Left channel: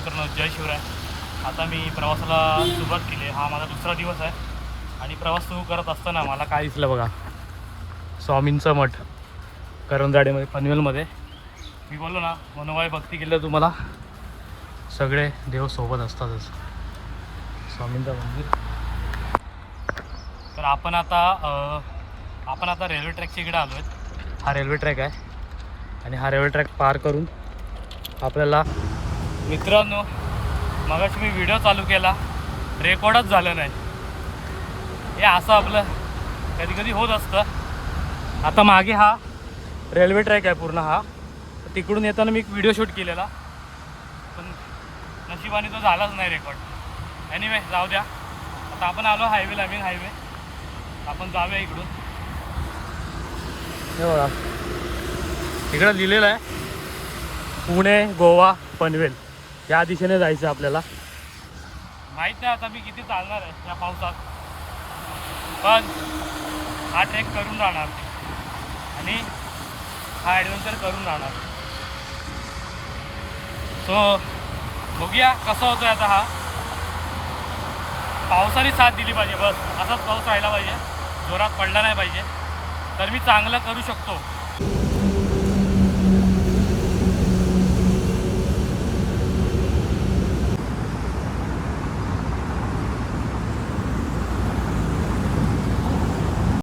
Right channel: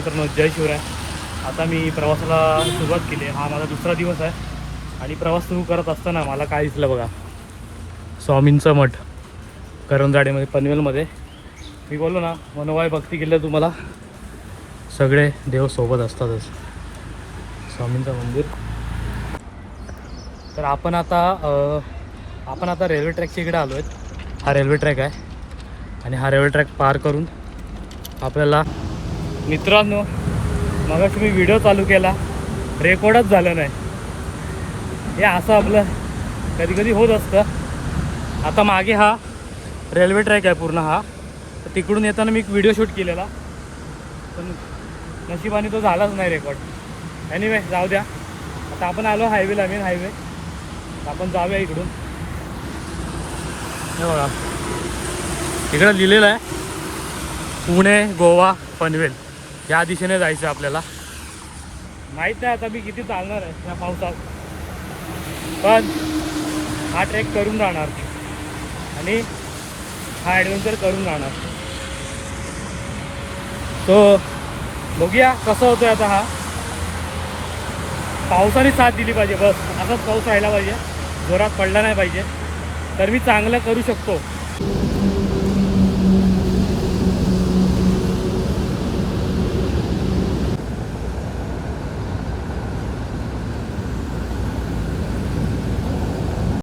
मित्रांनो, जय शिवराय. आता मी प्रवासाला सुरुवात केली. हा माझा दुसरा दिवस आहे आणि प्रवास सुरू करत असताना मला काय दिसलं बघा, स्वामींचा मठ करंजाडीमध्ये पनवेलमध्ये. मी बोललो ना, मनोवाय भक्ती केली तुम्हाला सगळे देव सोबत असतातच. स्वामींचं मंदिर. तर आपण आता रेल्वे ट्रॅकच्या इकडे आलो आहेत. हा रेल्वे ट्रॅक आहे आणि हा रेल्वे ट्रॅक पार करून आपल्याला, मित्रांनो मगाशी मी व्हिडिओ चालू केला, रेकॉर्डच झालं नाही. हे असं आपलं कधी कधी होत असतं. आता मागे हा रेल्वे ट्रॅक आहे पूर्ण हा, तर तिकडून येताना मी एक व्हिडिओ शूट केलेला, पण नशिबाने तो झालाच नाही रेकॉर्ड. एनिवे जाऊ द्या. आता आपण आलो हायवेला, मेन हायवे. आपण जाऊया इकडून. इकडं लिहिलेलं आहे पुणे, गोवा, पनवेल या दिशेने जायचं आपल्याला. माहीत नाही आता मी किती चालणार आहे या पावसात, पण हा ट्रेक करून राहणार आणि हा ॲडव्हेंचर करून राहणार. सो बघूया कसं होतोय आता. हा पावसाने साथ दिली पाहिजे, बस असाच पाऊस राहिला पाहिजे, जोरात पडला नाही पाहिजे, तर मी चांगलं करू शकतो.